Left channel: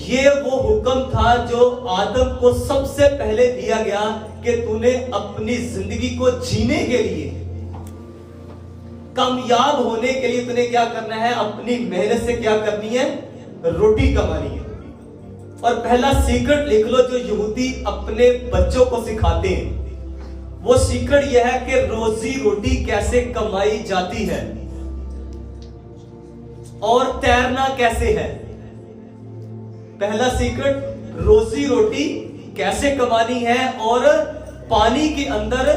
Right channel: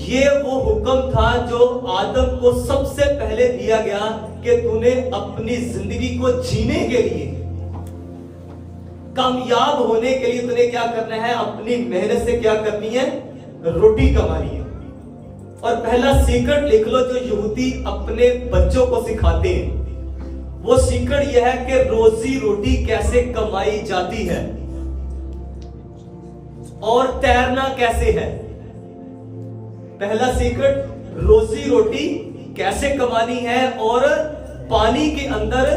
ये वो हुक्म था जो आदम को सबसे पहले दिया गया कि तूने अपनी जिंदगी को जीने के लिए, कामयाब होने के लिए तूने क्या करना है, अपनी मेहनत से क्या करनी है, रोटी कमानी है। और पहला सीक्रेट लिख लो जो यहूदी अपने बच्चों को सिखाते हैं, वो सीक्रेट यह है कि रोजी रोटी कैसे कमाई जाती है और तैरना कैसे है। पहला सीक्रेट, रोजी रोटी कैसे कमानी है और पानी के अंदर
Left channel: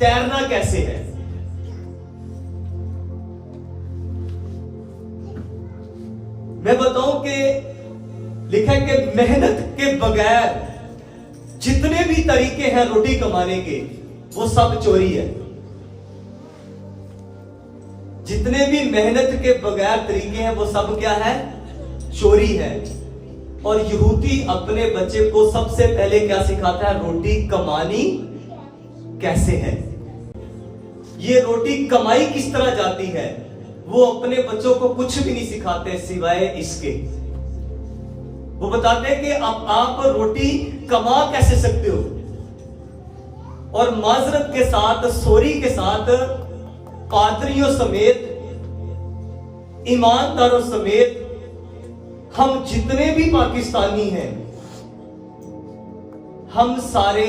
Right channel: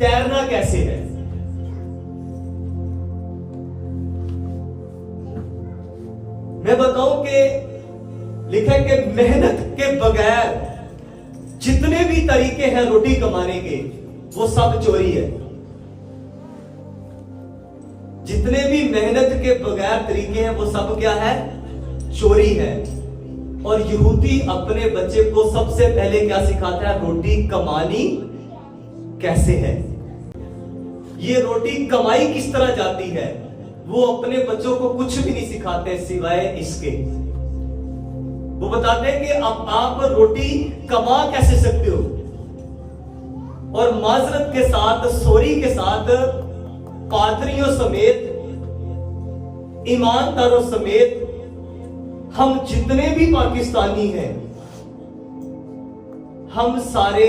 तैरना कैसे है। मैं बताऊं कि लिखा है कि मेहनत के बगैर जितने भी तरीके हैं रोटी कमाने के, वो सब चोरी है। जितने भी मेहनत के बगैर तरीके हैं वो सब क्या है, चोरी है। और यहूदी अपने बच्चे को सबसे पहले क्या सिखाता है, रोटी कमानी कैसे है। ये रोटी कमाई किस तरह जाती है, वो अपने बच्चों को कुछ भी नहीं सिखाते सिवाय इसके। वो बताते हैं कि अब आप रोटी कमा कैसे सकते हो। और माजरत के साथ, सॉरी के साथ, पादरियों समेत, ईमानदारों समेत हम जितने भी पाकिस्तानी हैं, हम सारे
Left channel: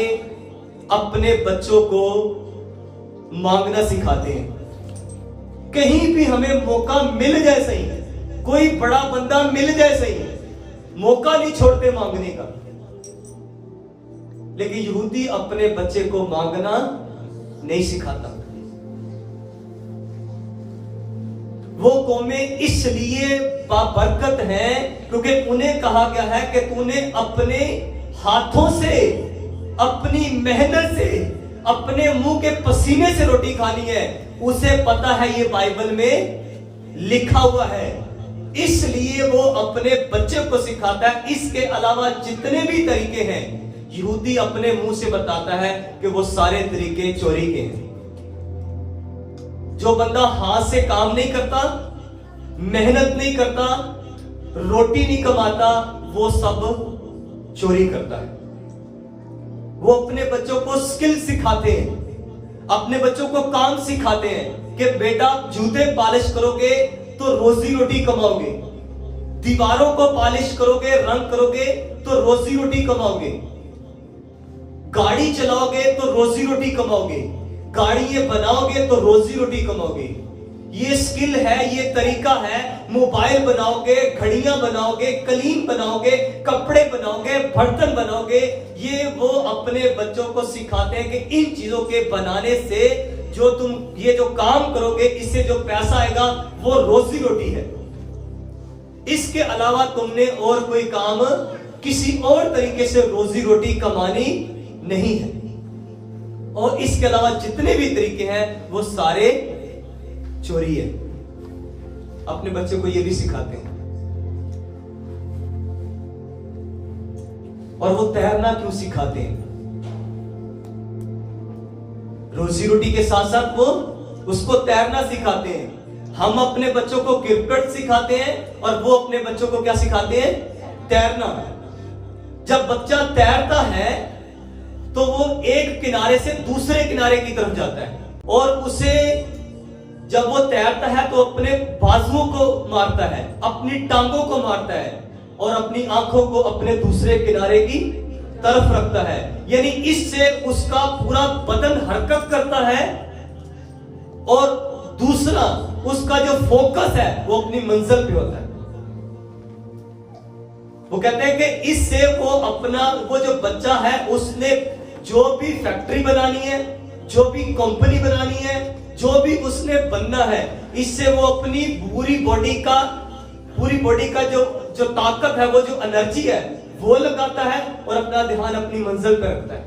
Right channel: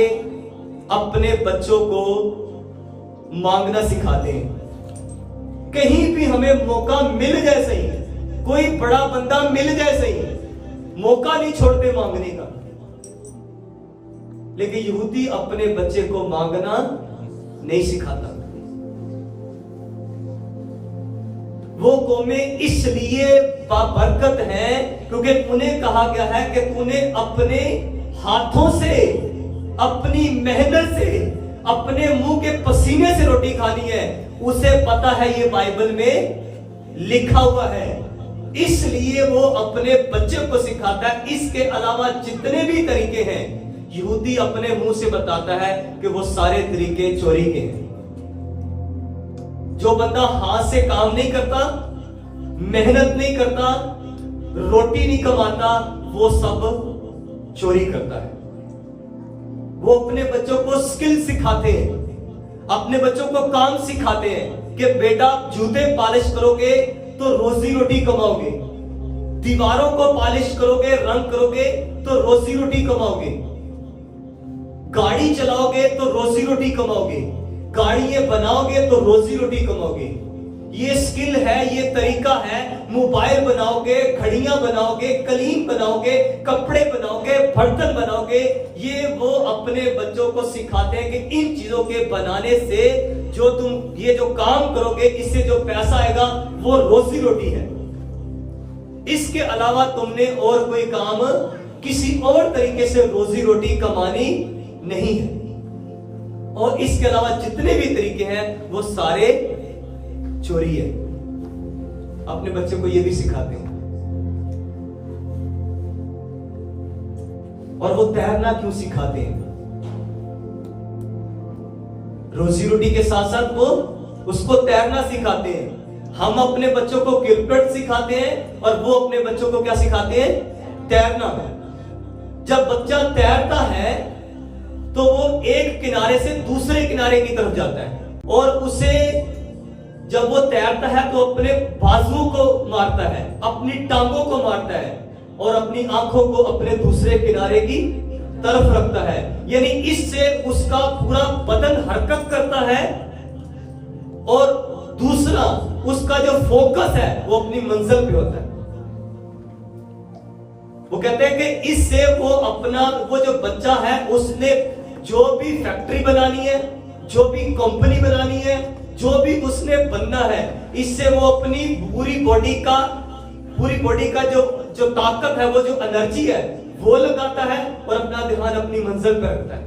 अपने बच्चों को मांगना सिखाते हैं। कहीं भी हमें मौका मिल जाए सही, कोई बड़ा बंदा मिल जाए सही, मौका नहीं छोड़ते मांगने का। लेकिन यहूदी अपने बच्चे को मांगना नहीं सिखाता। वो कौमें इसलिए बाबरकत हैं क्योंकि उन्हें कहा गया है कि तूने अपने हाथों से, अपनी मेहनत से, अपने मुंह के पसीने से रोटी खानी है। उसे पता है ये बाइबल में लिखा हुआ है, इसलिए वो अपने बच्चे को सिखाता है। इसके अलावा जितने भी तरीके हैं, यहूदी अपने मुंह से बताता है कि वो सारे तरीके चोरी के हैं। जो बंदा हाथ से काम नहीं करता, मेहनत नहीं करता, रोटी नहीं कमाता, वो सब चोरी करता है। वो अपने बच्चों को स्किल सिखाते हैं, अपने बच्चों को काम सिखाते हैं कि बेटा जूते पॉलिश करोगे तो रोजी रोटी कमाओगे, दीवारों को पॉलिश करोगे, रंग करोगे तो रोजी रोटी कमाओगे, गाड़ी चलाओगे तो रोजी रोटी कमाओगे, गाड़ियां बनाओगे तो रोजी रोटी कमाओगे। ये स्किल है, ये तरीका है। मोबाइल बनाओगे, घड़ियां बनाओगे, कलीन बनाओगे, कपड़े बनाओगे, बर्तन बनाओगे। ये वो अपने बच्चों को सिखाते हैं कि इन चीजों के बनाने से जो तुम ये जो काम करोगे, इससे जो पैसा आएगा वो रोजी रोटी है। इसके अलावा तुमने और कोई काम किसी और तरीके से रोजी रोटी कमानी नहीं है। और इसके अलावा जितने भी तरीके हैं वो सारे चोरी है। अपने बच्चों को ये भी सिखाते हैं। और वो तैरना क्यों सिखाते हैं? रोजी रोटी के साथ साथ वो उसको तैरना सिखाते हैं। हम अपने बच्चों को क्रिकेट सिखाते हैं और वो अपने बच्चों को क्या सिखाते हैं? तैरना। जब बच्चा तैरता है तो वो एक किनारे से दूसरे किनारे की तरफ जाता है, और उसे जब वो तैरता है तो अपने बाजुओं को मारता है, अपनी टांगों को मारता है, और अपनी आंखों को अपने दूसरे किनारे की तरफ रखता है। यानी इससे उसका पूरा बदन हरकत करता है, और दूसरा उसका जो फोकस है वो अपनी मंजिल पे होता है। वो कहते हैं कि इससे वो जो बच्चा है उसने जो भी फैक्ट्री बनानी है, जो भी कंपनी बनानी है, जो भी उसने बनना है, इससे वो अपनी पूरी बॉडी का जो ताकत है, वो जो एनर्जी है वो लगाता है और अपना ध्यान अपनी मंजिल पर रखता है।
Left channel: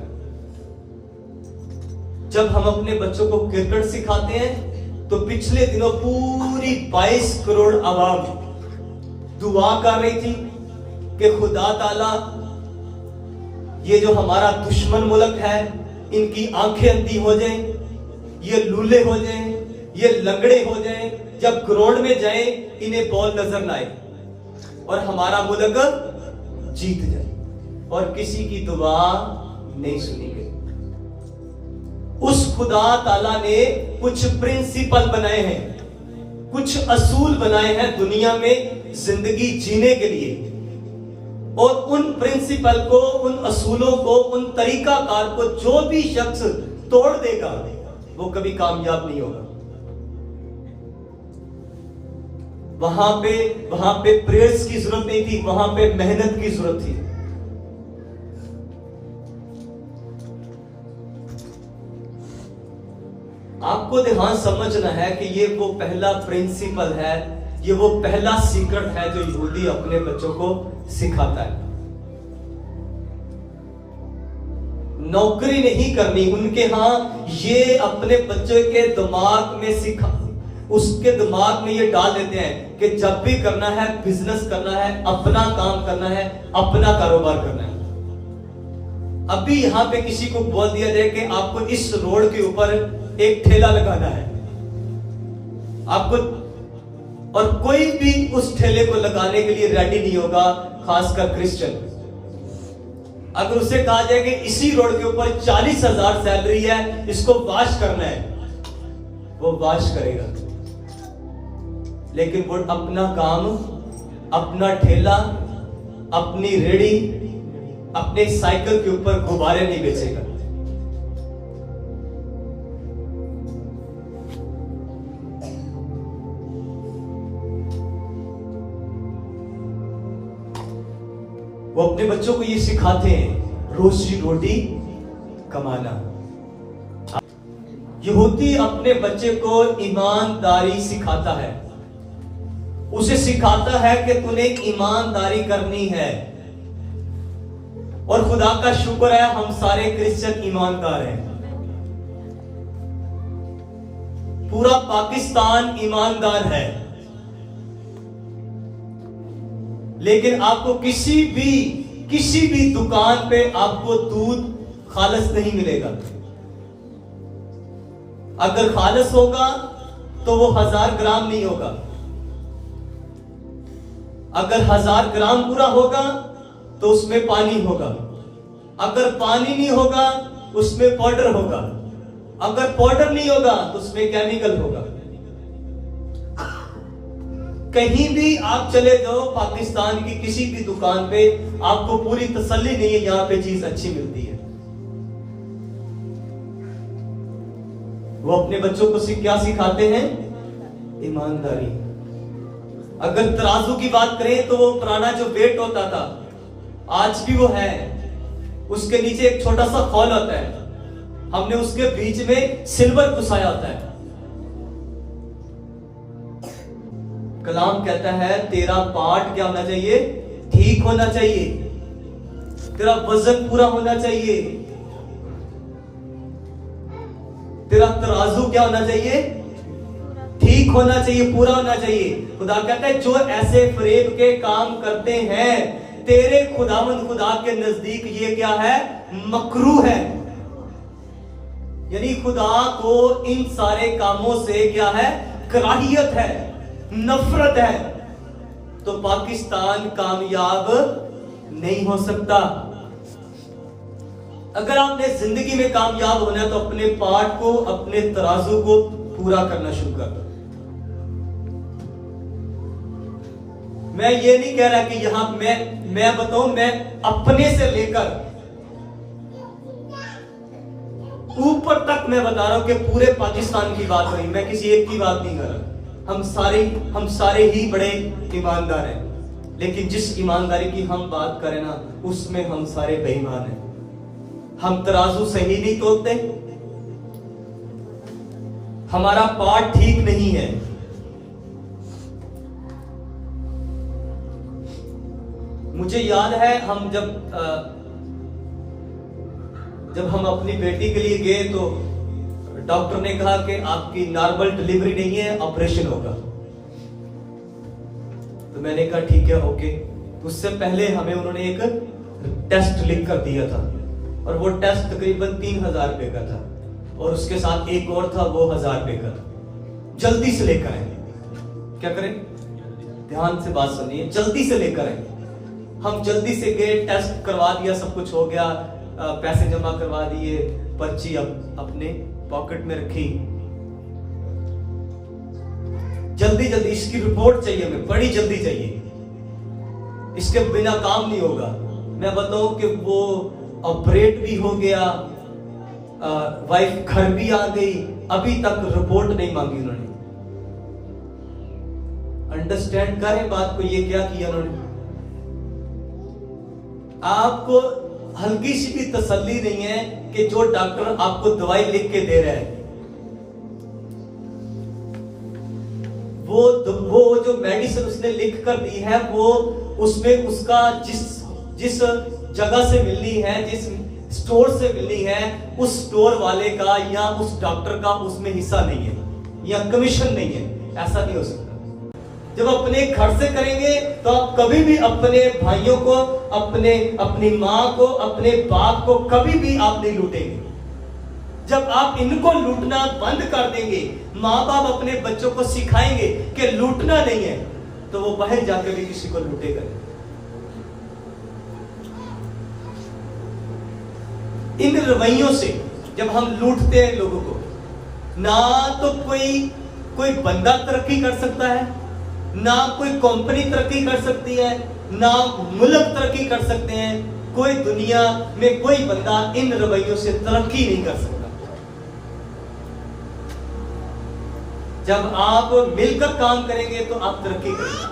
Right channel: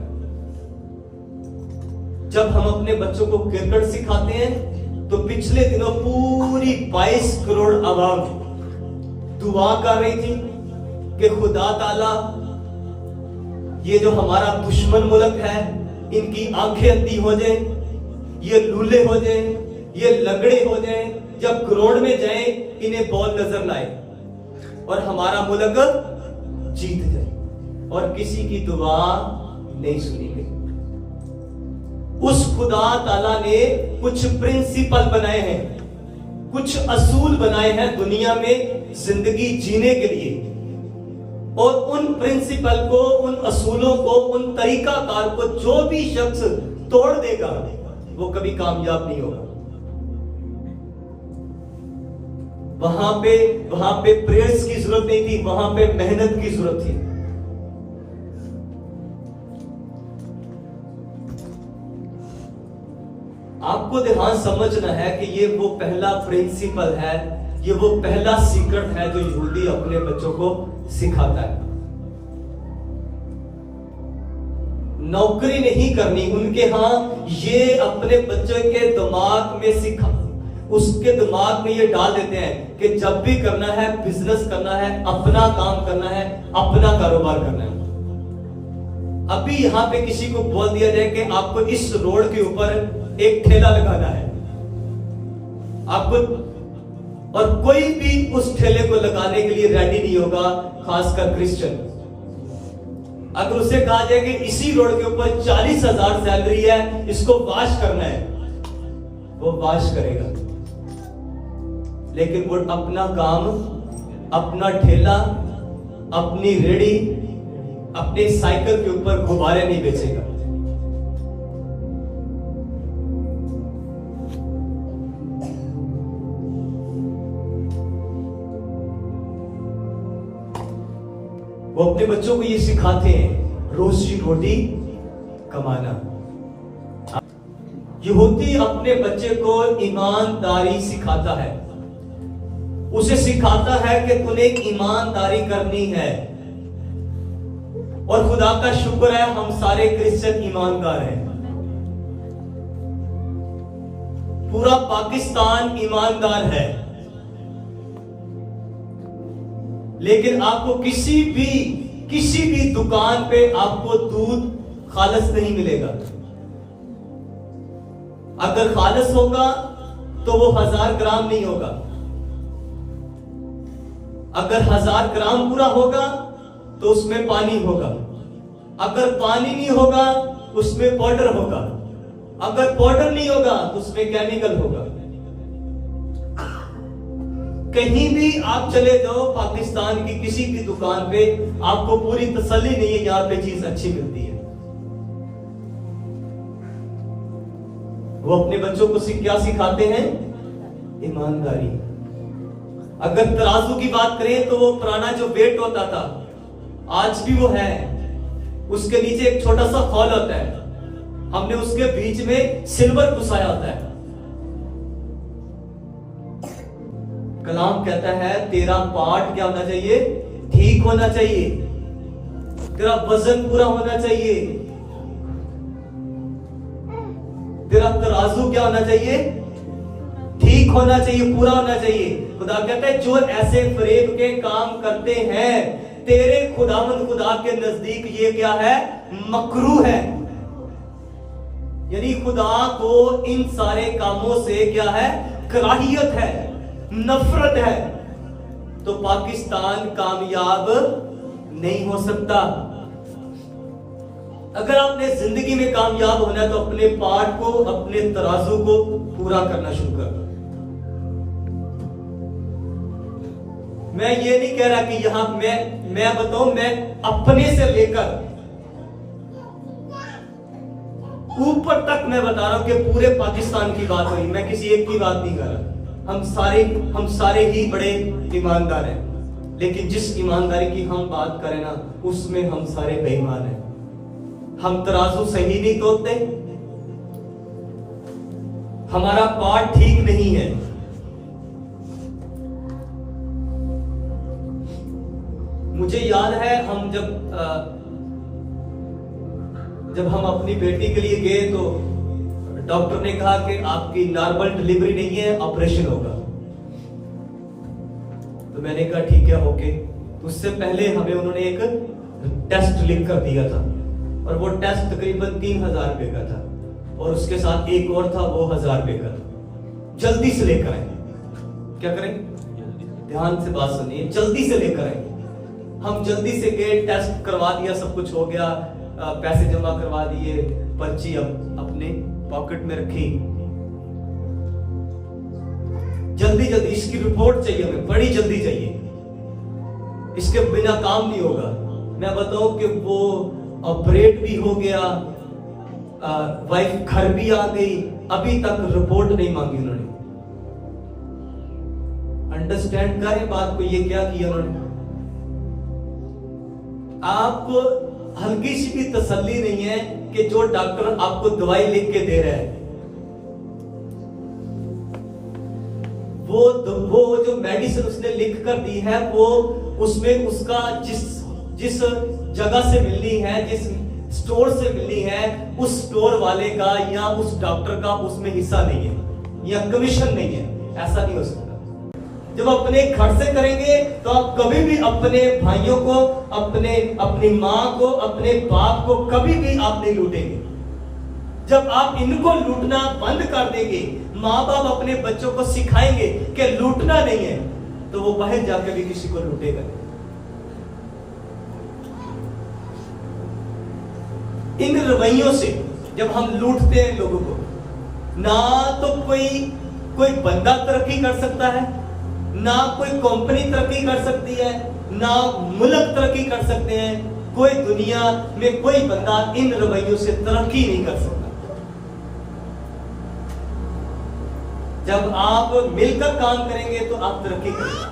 जब हम अपने बच्चों को क्रिकेट सिखाते हैं तो पिछले दिनों पूरी 22 करोड़ आवाम दुआ कर रही थी कि खुदा ताला ये जो हमारा दुश्मन मुल्क है इनकी आंखें अंधी हो जाएं, ये लूले हो जाएं, ये लंगड़े हो जाएं, जब ग्राउंड में जाएं इन्हें बॉल नजर ना आए और हमारा मुल्क जीत जाए और किसी की दुआ नहीं सुनी गई। उस खुदा ताला ने कुछ प्रिंसिपल बनाए हैं, कुछ असूल बनाए हैं दुनिया में जिंदगी जीने के लिए, और उन प्रिंसिपल को, उन असूलों को, उन तरीकाकार को जो भी शख्स तोड़ देगा वो कभी कामयाब नहीं होगा। वहां पे प्रेयर्स की जरूरत नहीं थी, वहां पे मेहनत की जरूरत थी। आपको ध्यान समझना है कि ये वो पहला प्रिंसिपल है, ये वो पहला सीक्रेट है जो यहूदी अपने बच्चों को सिखाता है। नौकरी नहीं करनी उनके यहां, ये अपने बच्चे के दिमाग में सिखा, उसके दिमाग में ये डाल देते हैं कि जब भी करना है, बिजनेस करना है, अपना काम करना है, अपना कारोबार करना है। अभी यहां पे किसी को बोल दिया जाए कि आपको इस रोड के ऊपर एक ठेला लगाना है, आपको, और कोई भी उस ठेले को लगाने के लिए रेडी नहीं होगा, खासकर क्रिश्चियन। अगर उसे कहा जाए कि इसी रोड के ऊपर 40,000 सैलरी है, इसको वाश करना है, वो वाश करेगा। लेकिन वो अपना काम, अपना ठेला, अपनी रेडी, अपने साइकिल के ऊपर गुब्बारे नहीं बेचेगा। वो अपने बच्चों को ये सिखाते हैं रोजी रोटी कमाना। यहूदी अपने बच्चे को ईमानदारी सिखाता है, उसे सिखाता है कि तूने ईमानदारी करनी है। और खुदा का शुक्र है हम सारे क्रिश्चियन ईमानदार हैं, पूरा पाकिस्तान ईमानदार है। लेकिन आपको किसी भी दुकान पे आपको दूध खालिस नहीं मिलेगा। अगर खालिस होगा तो वो 1000 ग्राम नहीं होगा, अगर 1000 ग्राम पूरा होगा तो उसमें पानी होगा, अगर पानी नहीं होगा उसमें पाउडर होगा, अगर पाउडर नहीं होगा तो उसमें केमिकल होगा। कहीं भी आप चले जाओ पाकिस्तान की किसी भी दुकान पे, आपको पूरी तसल्ली नहीं है यहां पे चीज अच्छी मिलती है। वो अपने बच्चों को क्या सिखाते हैं? ईमानदारी। अगर तराजू की बात करें तो वो पुराना जो वेट होता था, आज भी वो है, उसके नीचे एक छोटा सा खौल होता है, हमने उसके बीच में सिल्वर घुसाया होता है। कलाम कहता है तेरा पार्ट क्या होना चाहिए? ठीक होना चाहिए, तेरा वजन पूरा होना चाहिए, तेरा तराजू क्या होना चाहिए? ठीक होना चाहिए, पूरा होना चाहिए। खुदा कहता है जो ऐसे फरेब के काम करते हैं तेरे खुदावंद खुदा के नजदीक ये क्या है? मकरू है। यानी खुदा को इन सारे कामों से क्या है? कराहियत है, नफरत है। तो पाकिस्तान कामयाब नहीं हो सकता। अगर आपने जिंदगी में कामयाब होना है तो अपने पार्ट को, अपने तराजू को पूरा करना शुरू कर दो। मैं ये नहीं कह रहा कि यहां मैं बताऊं, मैं अपने से लेकर ऊपर तक मैं बता रहा हूं कि पूरे पाकिस्तान की बात हुई, मैं किसी एक की बात नहीं कर रहा। हम सारे ही बड़े ईमानदार हैं, लेकिन जिस ईमानदारी की हम बात करें ना, उसमें हम सारे बेईमान हैं। हम तराजू सही नहीं तोलते, हमारा पार्ट ठीक नहीं है। मुझे याद है हम जब हम अपनी बेटी के लिए गए तो डॉक्टर ने कहा कि आपकी नॉर्मल डिलीवरी नहीं है, ऑपरेशन होगा। तो मैंने कहा ठीक है, ओके। उससे पहले हमें उन्होंने एक टेस्ट लिख कर दिया था, और वो टेस्ट तकरीबन 3000 रुपए का था, और उसके साथ एक और था, वो 1000 रुपए का था। जल्दी से लेकर आए। क्या करें? ध्यान से बात सुनिए, जल्दी से लेकर आए। हम जल्दी से गए, टेस्ट करवा दिया, सब कुछ हो गया, पैसे जमा करवा दिए, पर्ची अब अपने पॉकेट में रखी, जल्दी जल्दी इसकी रिपोर्ट चाहिए, हमें बड़ी जल्दी चाहिए, इसके बिना काम नहीं होगा। मैं बताऊं कि वो ऑपरेट भी हो गया, वाइफ घर भी आ गई, अभी तक रिपोर्ट नहीं मांगी उन्होंने। अंडरस्टैंड करें बात को, ये क्या किया उन्होंने? आपको हल्की सी भी तसल्ली नहीं है कि जो डॉक्टर आपको दवाई लिख के दे रहा है, वो जो मेडिसिन उसने लिख कर दी है, वो उसमें उसका जिस जगह से मिलनी है, जिस स्टोर से मिलनी है, उस स्टोर वाले का या उस डॉक्टर का उसमें हिस्सा नहीं है या कमीशन नहीं है। ऐसा नहीं हो सकता। जब अपने घर से करेंगे तो आप कभी भी अपने भाइयों को, अपनी माँ को, अपने बाप को कभी भी आप नहीं लूटेंगे। जब आप इनको लूटना बंद कर देंगे, माँ बाप अपने बच्चों को सिखाएंगे कि लूटना नहीं है, तो वो बाहर जाकर भी किसी को लूटेगा। इन रवैयों से जब हम लूटते हैं लोगों को, ना तो कोई बंदा तरक्की कर सकता है, ना कोई कंपनी तरक्की कर सकती है, ना मुल्क तरक्की कर सकते हैं। कोई दुनिया में कोई बंदा इन रवैयों से तरक्की नहीं कर सकता। जब आप मिलकर काम करेंगे तो आप तरक्की करेंगे।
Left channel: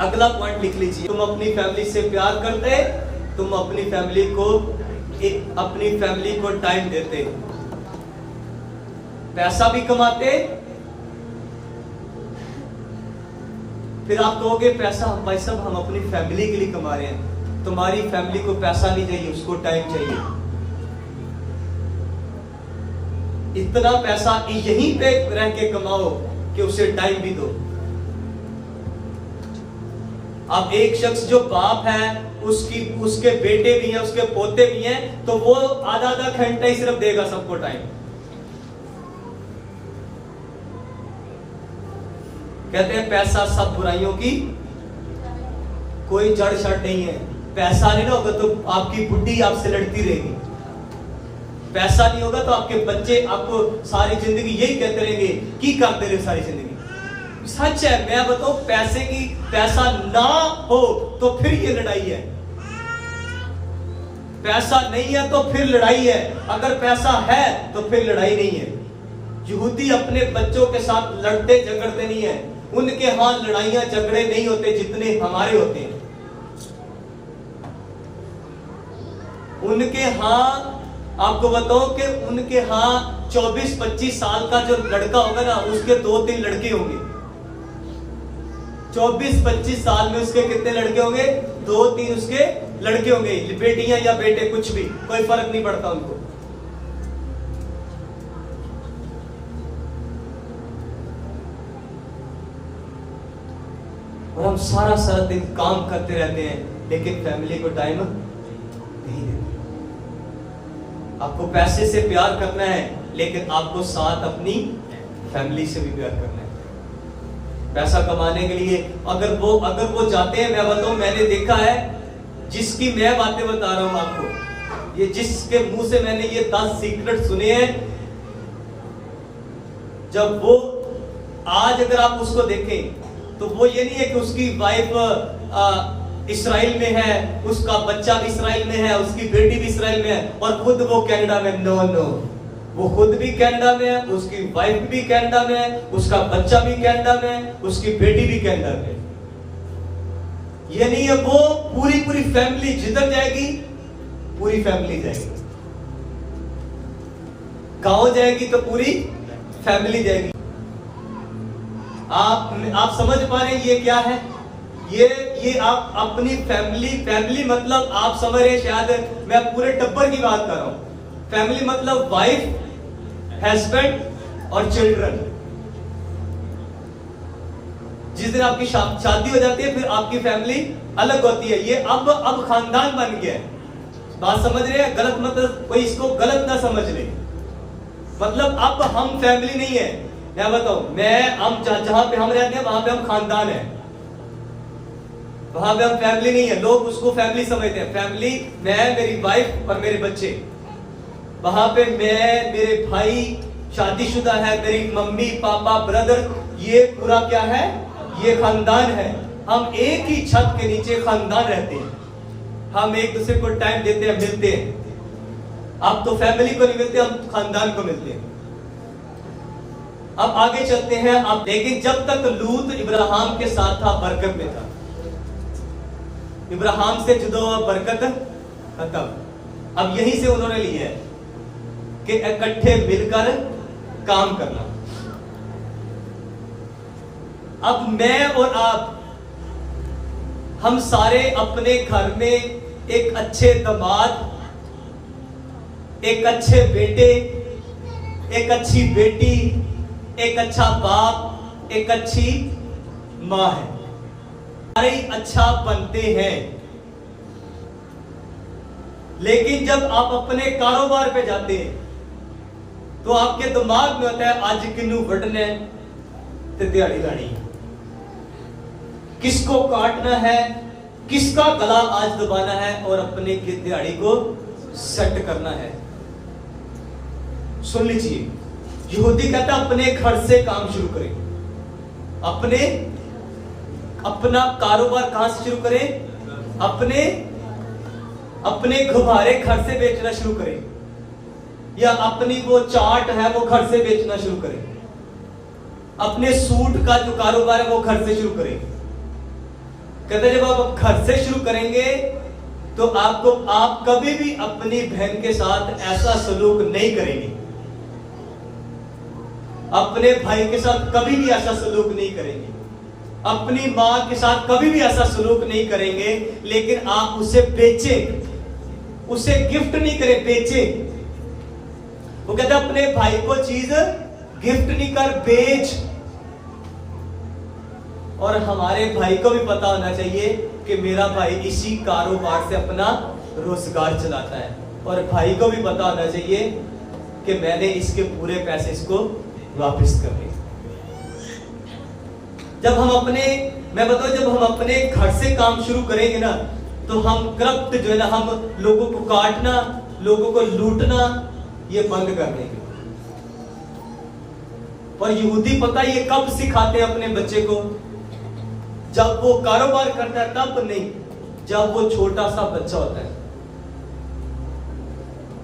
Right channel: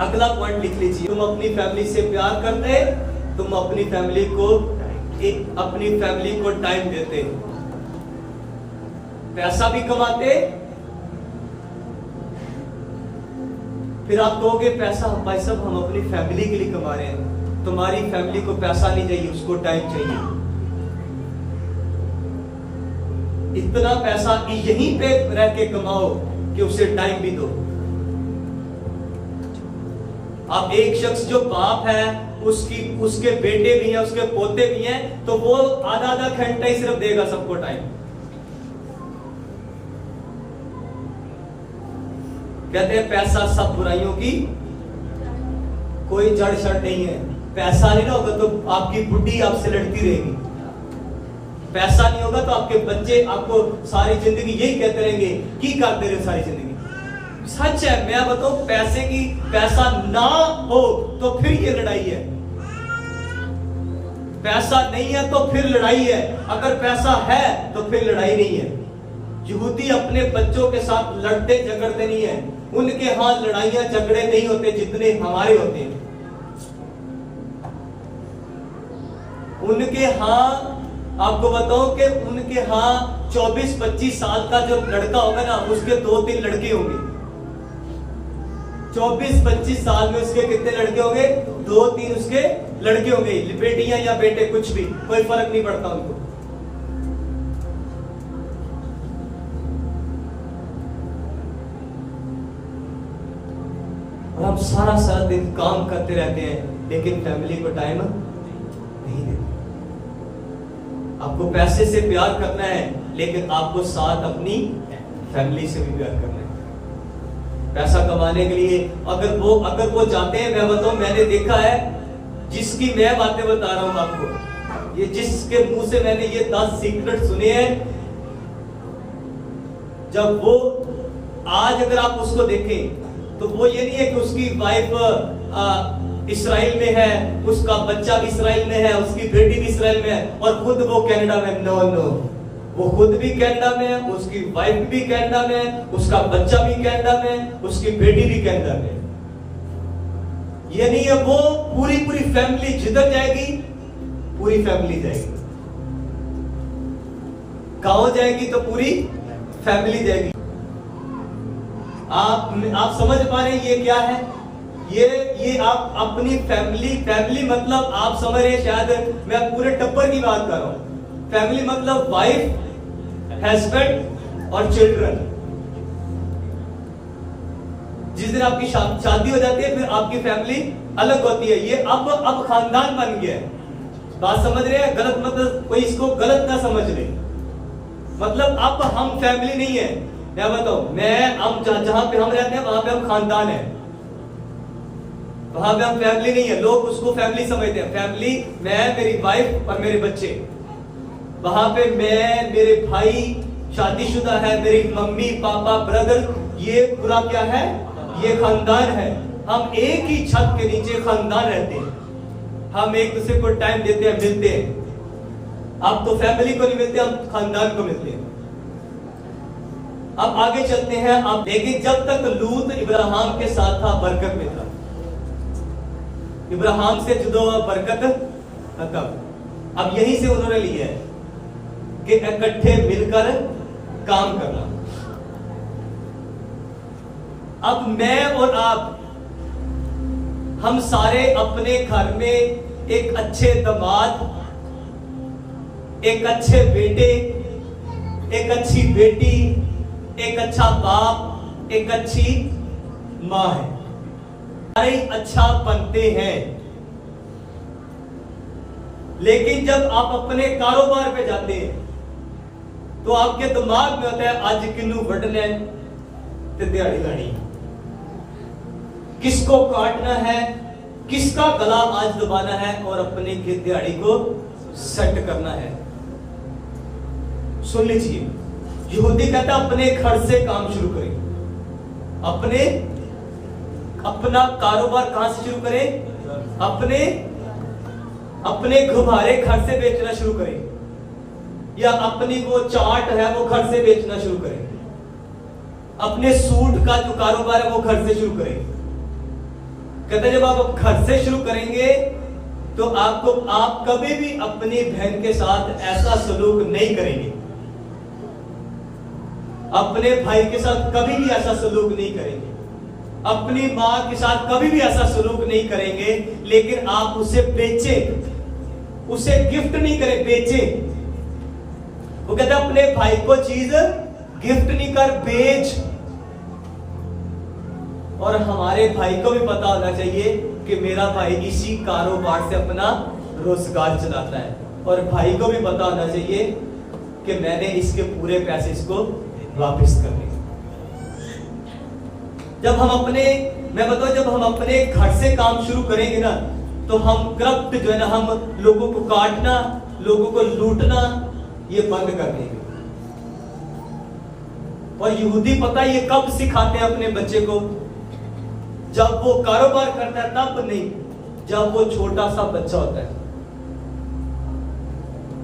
अगला पॉइंट लिख लीजिए, तुम अपनी फैमिली से प्यार करते, तुम अपनी फैमिली को टाइम देते, पैसा भी कमाते। फिर आप कहोगे पैसा भाई साहब हम अपनी फैमिली के लिए कमा रहे हैं। तुम्हारी फैमिली को पैसा नहीं चाहिए, उसको टाइम चाहिए। इतना पैसा यहीं पे रह के कमाओ कि उसे टाइम भी दो। अब एक शख्स जो बाप है, उसके बेटे भी हैं, उसके पोते भी हैं, तो वो आधा घंटा ही सिर्फ देगा सबको टाइम। कहते हैं पैसा सब बुराइयों की कोई जड़ शड़ नहीं है। पैसा नहीं होगा तो आपकी बुढ़ी आपसे लड़ती रहेगी, पैसा नहीं होगा तो आपके बच्चे आपको सारी जिंदगी यही कहते रहेंगे की करते रहे सारी जिंदगी। सच है, मैं बताऊं, पैसा ना हो तो फिर ये लड़ाई है। पैसा नहीं है तो फिर लड़ाई है, अगर पैसा है तो फिर लड़ाई नहीं है। यहूदी अपने बच्चों के साथ लड़ते झगड़ते नहीं है, उनके हां लड़ाइयां झगड़े नहीं होते जितने हमारे होते हैं। उनके हां, आपको बताओ कि उनके हां 24-25 साल का जो लड़का होगा ना, उसके 2-3 लड़के होंगे। 24-25 साल में उसके कितने लड़के होंगे? 2-3 उसके लड़के होंगे, बेटियां या बेटे, कुछ भी, कोई फर्क नहीं पड़ता उनको। और हम सारा दिन काम करते रहते हैं, लेकिन फैमिली को टाइम नहीं देते। आपको पैसे से प्यार करना है, लेकिन आपको साथ अपनी फैमिली से भी प्यार करना है। पैसा कमाने के लिए अगर वो जाते हैं, मैं बताऊं, मैंने देखा है, जिसकी मैं बातें बता रहा हूं आपको, ये जिसके मुंह से मैंने ये 10 सीक्रेट सुने हैं, जब वो आज अगर आप उसको देखें तो वो ये नहीं है कि उसकी वाइफ इस्राइल में है, उसका बच्चा भी इस्राइल में है, उसकी बेटी भी इस्राइल में है और खुद वो कनाडा में। नो, वो खुद भी कनाडा में है, उसकी वाइफ भी कनाडा में है, उसका बच्चा भी कनाडा में है, उसकी बेटी भी कनाडा में है। ये नहीं है वो पूरी फैमिली जिधर जाएगी, पूरी फैमिली जाएगी। गांव जाएगी तो पूरी फैमिली जाएगी। आप समझ पा रहे हैं ये क्या है? ये आप अपनी फैमिली मतलब आप समझ रहे हैं, शायद मैं पूरे टब्बर की बात कर रहा हूं। फैमिली मतलब वाइफ, हस्बैंड और चिल्ड्रन। जिस दिन आपकी शादी हो जाती है, फिर आपकी फैमिली अलग होती है। ये अब खानदान बन गया है। बात समझ रहे हैं? गलत मतलब कोई इसको गलत ना समझ ले। मतलब अब हम फैमिली नहीं है। मैं बताऊं, हम जहां पे हम रहते हैं वहां पे हम खानदान है। वहां पे हम फैमिली नहीं है, लोग उसको फैमिली समझते हैं। फैमिली मैं, मेरी वाइफ और मेरे बच्चे। वहां पे मैं, मेरे भाई शादीशुदा है, मेरी मम्मी पापा ब्रदर, ये पूरा क्या है, ये खानदान है। हम एक ही छत के नीचे खानदान रहते हैं, हम एक दूसरे को टाइम देते हैं, मिलते हैं। अब तो फैमिली को नहीं मिलते, हम खानदान को मिलते हैं। अब आगे चलते हैं। आप देखिए, जब तक लूत इब्राहिम के साथ था बरकत में था, इब्राहिम से जुदा हुआ बरकत खत्म। अब यहीं से उन्होंने लिया है कि इकट्ठे मिलकर काम करना। अब मैं और आप, हम सारे अपने घर में एक अच्छे दामाद, एक अच्छे बेटे, एक अच्छी बेटी, एक अच्छा बाप, एक अच्छी मां है, सारे अच्छा बनते हैं। लेकिन जब आप अपने कारोबार पे जाते हैं तो आपके दिमाग में होता है आज किन्नू वढ़ना है ते दिहाड़ी लानी है, किसको काटना है, किसका गला आज दबाना है और अपने की दिहाड़ी को सेट करना है। सुन लीजिए, यहूदी कहता अपने घर से काम शुरू करें। अपना कारोबार कहां से शुरू करें? अपने गुब्बारे घर से बेचना शुरू करें, या अपनी वो चाट है वो घर से बेचना शुरू करें। अपने सूट का जो कारोबार है वो घर से शुरू करें। कहते जब आप घर से शुरू करेंगे तो आप कभी भी अपनी बहन के साथ ऐसा सलूक नहीं करेंगे, अपने भाई के साथ कभी भी ऐसा सलूक नहीं करेंगे, अपनी मां के साथ कभी भी ऐसा सलूक नहीं करेंगे। लेकिन आप उसे बेचें, उसे गिफ्ट नहीं करें, बेचें। वो कहते अपने भाई को चीज गिफ्ट नहीं कर, बेच। और हमारे भाई को भी पता होना चाहिए कि मेरा भाई इसी कारोबार से अपना रोजगार चलाता है, और भाई को भी पता होना चाहिए कि मैंने इसके पूरे पैसे इसको वापस करने। जब हम अपने घर से काम शुरू करेंगे ना, तो हम करप्ट जो है ना, हम लोगों को काटना, लोगों को लूटना, ये बंद कर देंगे। और यहूदी पता ये कब सिखाते हैं अपने बच्चे को? जब वो कारोबार करता है तब नहीं, जब वो छोटा सा बच्चा होता है,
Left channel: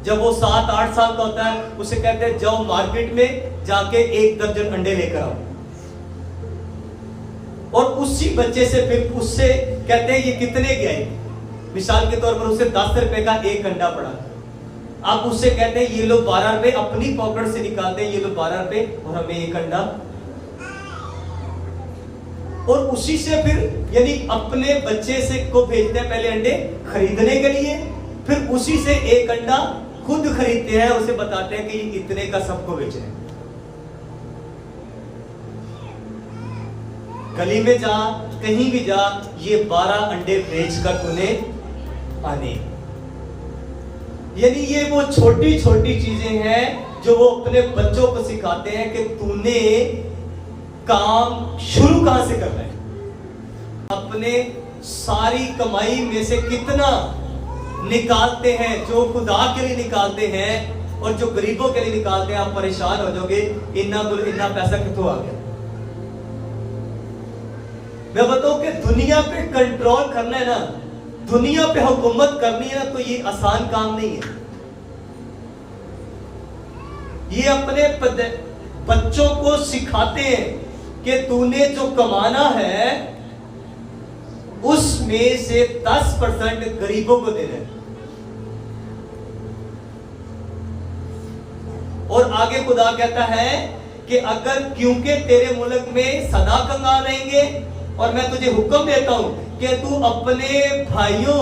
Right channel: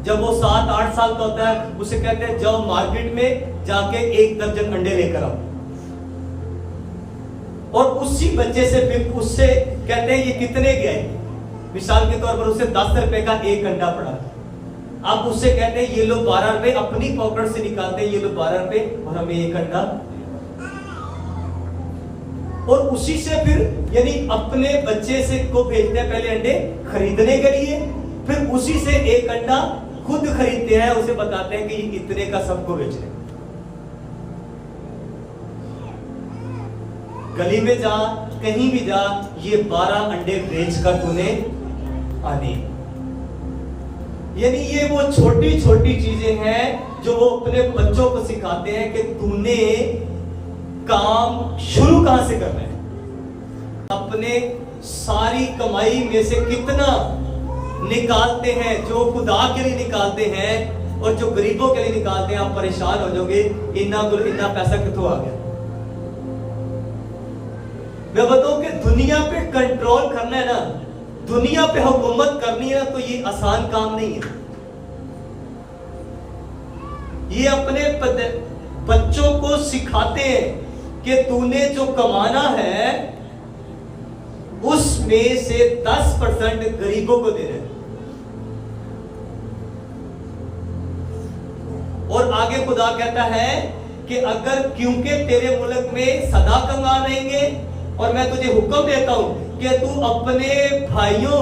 जब वो 7-8 साल का होता है, उसे कहते हैं जाओ मार्केट में जाके 1 दर्जन अंडे लेकर आओ। और उसी बच्चे से फिर उससे कहते हैं ये कितने के आए, मिसाल के तौर पर उसे 10 रुपए का 1 अंडा पड़ा, आप उससे कहते हैं ये लो 12 रुपए, अपनी पॉकेट से निकालते हैं ये लो 12 रुपए और हमें 1 अंडा। और उसी से फिर यानी अपने बच्चे से को भेजते हैं पहले अंडे खरीदने के लिए, फिर उसी से 1 अंडा खुद खरीदते हैं, उसे बताते हैं कि ये इतने का सबको बेच रहे हैं। गली में जा, कहीं भी जा, ये 12 अंडे बेचकर तूने आने। यानी ये वो छोटी छोटी चीजें हैं जो वो अपने बच्चों को सिखाते हैं कि तूने काम शुरू कहां से करना है, अपने सारी कमाई में से कितना निकालते हैं, जो खुदा के लिए निकालते हैं और जो गरीबों के लिए निकालते हैं। आप परेशान हो जाओगे, इतना पैसा कितों आ गया। मैं बताऊं कि दुनिया पे कंट्रोल करना है ना, दुनिया पे हुकूमत करनी है ना, तो ये आसान काम नहीं है। ये अपने बच्चों को सिखाते हैं कि तूने जो कमाना है उसमें से 10% गरीबों को देना है। और आगे खुदा कहता है कि अगर क्योंकि तेरे मुल्क में सदा कंगाल रहेंगे, और मैं तुझे हुक्म देता हूं कि तू अपने भाइयों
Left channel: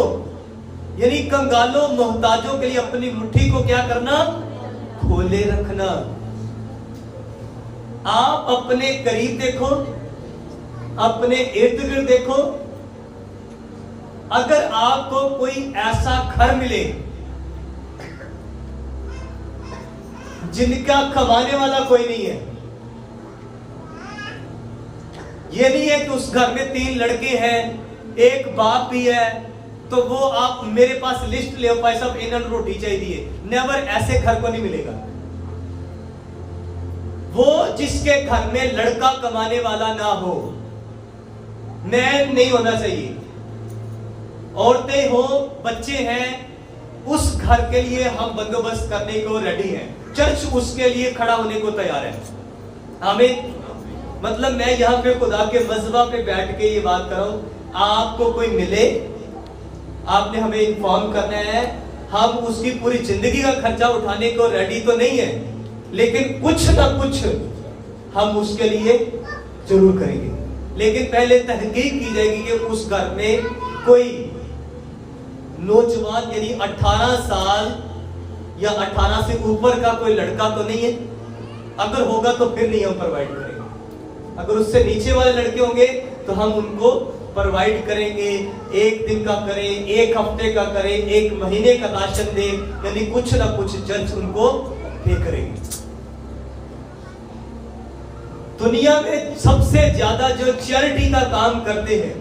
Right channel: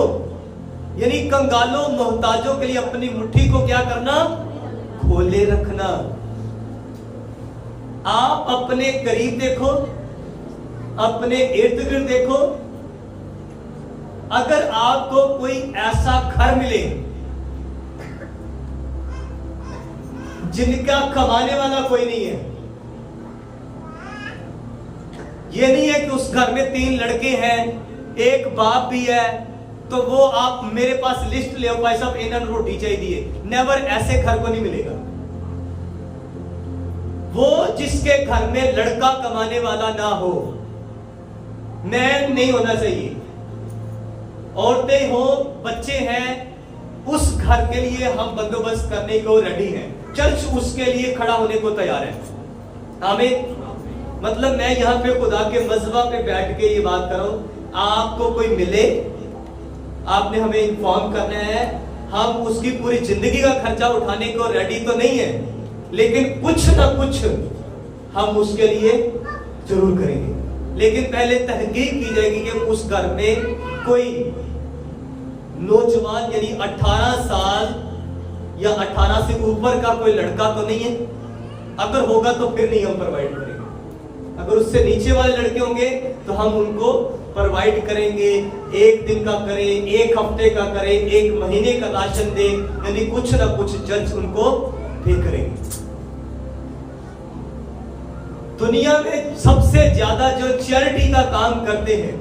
यानी कंगालों मोहताजों के लिए अपनी मुट्ठी को क्या करना, खोले रखना। आप अपने करीब देखो, अपने इर्द गिर्द देखो, अगर आपको कोई ऐसा घर मिले जिनका कमाने वाला कोई नहीं है, ये नहीं है कि उस घर में 3 लड़के हैं, एक बाप भी है तो वो आप मेरे पास लिस्ट ले आओ, भाई साहब इन्होंने रोटी चाहिए, नेवर, ऐसे घर को नहीं मिलेगा। वो जिसके घर में लड़का कमाने वाला ना हो, मैन नहीं होना चाहिए, औरतें हो, बच्चे हैं, उस घर के लिए हम बंदोबस्त करने को रेडी हैं। चर्च उसके लिए खड़ा होने को तैयार है। आमीन। मतलब मैं यहां पे खुदा के मज़बा पे बैठ के ये बात कर रहा हूं, आपको कोई मिले, आपने हमें इन्फॉर्म करना है, हम उसकी पूरी जिंदगी का खर्चा उठाने को रेडी तो नहीं है, लेकिन कुछ ना कुछ हम उसके लिए जरूर करेंगे। लेकिन पहले तहकीक की जाएगी कि उस घर में कोई नौजवान यानी 18 साल या 18 से ऊपर का कोई लड़का तो नहीं है। अगर होगा तो फिर नहीं हम प्रोवाइड करेंगे। अगर उससे नीचे वाले लड़के होंगे तो हम उनको प्रोवाइड करेंगे। एक दिन का करें, एक हफ्ते का करें, एक महीने का राशन दे, यानी कुछ ना कुछ चर्च उनको पे करेंगे। दुनिया में सबसे ज्यादा जो चैरिटी का काम करते हैं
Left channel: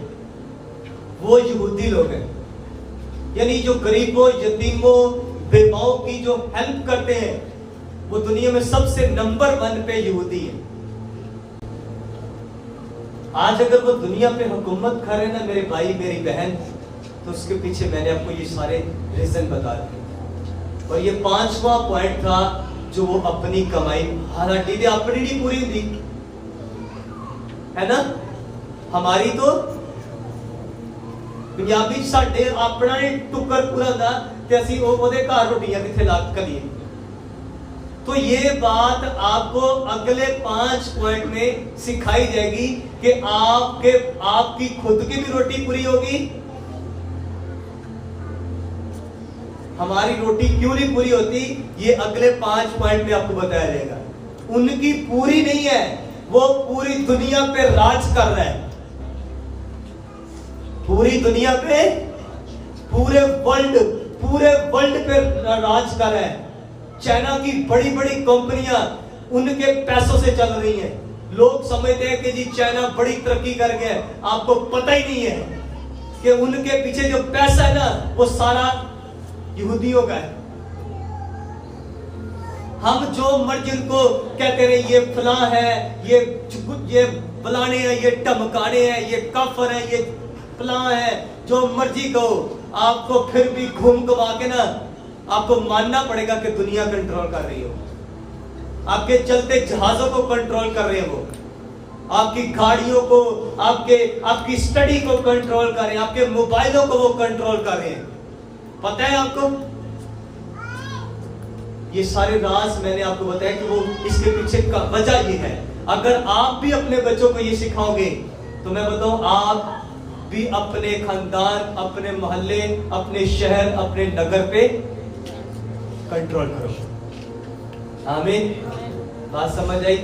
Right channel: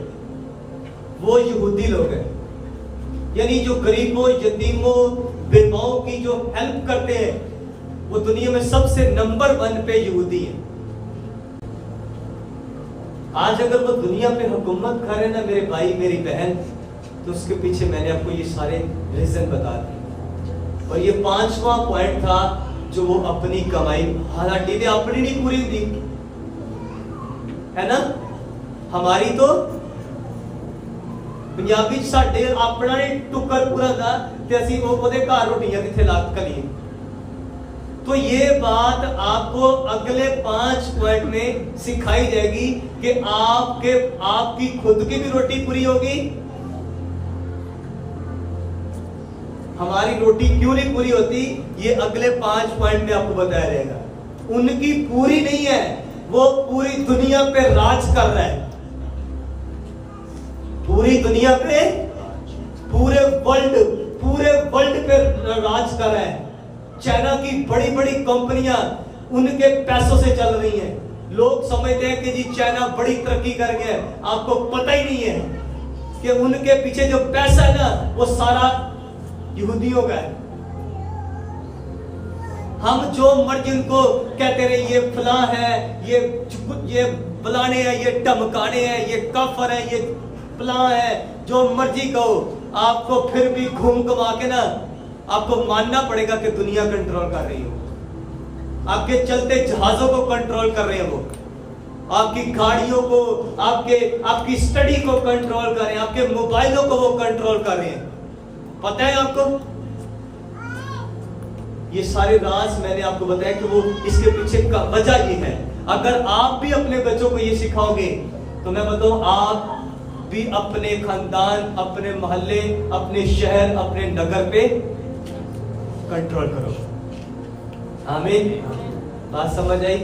वो यहूदी लोग हैं, यानी जो गरीबों, यतीमों, बेवाओं की जो हेल्प करते हैं वो दुनिया में सबसे नंबर 1 पे यहूदी है। आज अगर वो दुनिया पे हुकूमत कर रहे ना मेरे भाई मेरी बहन, तो उसके पीछे मैंने आपको ये सारे रीजन बता दिए। और ये 5वां पॉइंट था जो वो अपनी कमाई, हालांकि अपनी नहीं पूरी हुई है ना, हमारी तो पंजाबी साडे अपना नहीं टुकर पूरा था ते असी ओदे घर रोटियां किथे ला कलिए। तो ये बात आपको अगले 5 पॉइंट में सिखाई जाएगी कि आपकी खुद की भी रोटी पूरी होगी। हमारी रोटी क्यों नहीं पूरी होती, ये अगले 5 पॉइंट में आपको बताया जाएगा। उनकी पूरी नहीं है, वो पूरी दुनिया पे राज कर रहा है, पूरी दुनिया पे, पूरे वर्ल्ड पे राज कर रहा है। चाइना की बड़ी बड़ी कंपनियां उनके पैसों से चल रही हैं। लोग समझते हैं कि जी चाइना बड़ी तरक्की कर गया है, आपको पता ही नहीं है कि उनके पीछे जो पैसा है ना वो सारा यहूदियों का है। हम जो मर्जी उनको कहते रहे, ये फलां है, ये फलाने हैं, ये धमकाने हैं, ये काफर है, ये फलां है, जो मर्जी कहो, आपको फिर भी घूम घुमा के ना आपको मानना पड़ेगा कि दुनिया कंट्रोल कर रही हो। आपके चलते जहाजों को कंट्रोल कर रहे हैं वो, आपकी गाड़ियों को, आपकी स्टडी को कंट्रोल कर रहे हैं, आपके मोबाइलों को वो कंट्रोल कर रहे हैं। पता है आपको, ये सारे राज मैंने आपको बताया कि वो इसके पीछे का वजह ये है। अगर आप भी अपने बच्चों को ये सिखाओगे तो मैं बताऊं, आप भी अपने खानदान, अपने मोहल्ले, अपने शहर, अपने नगर पे कंट्रोल करो। आमीन। बात समझ आई?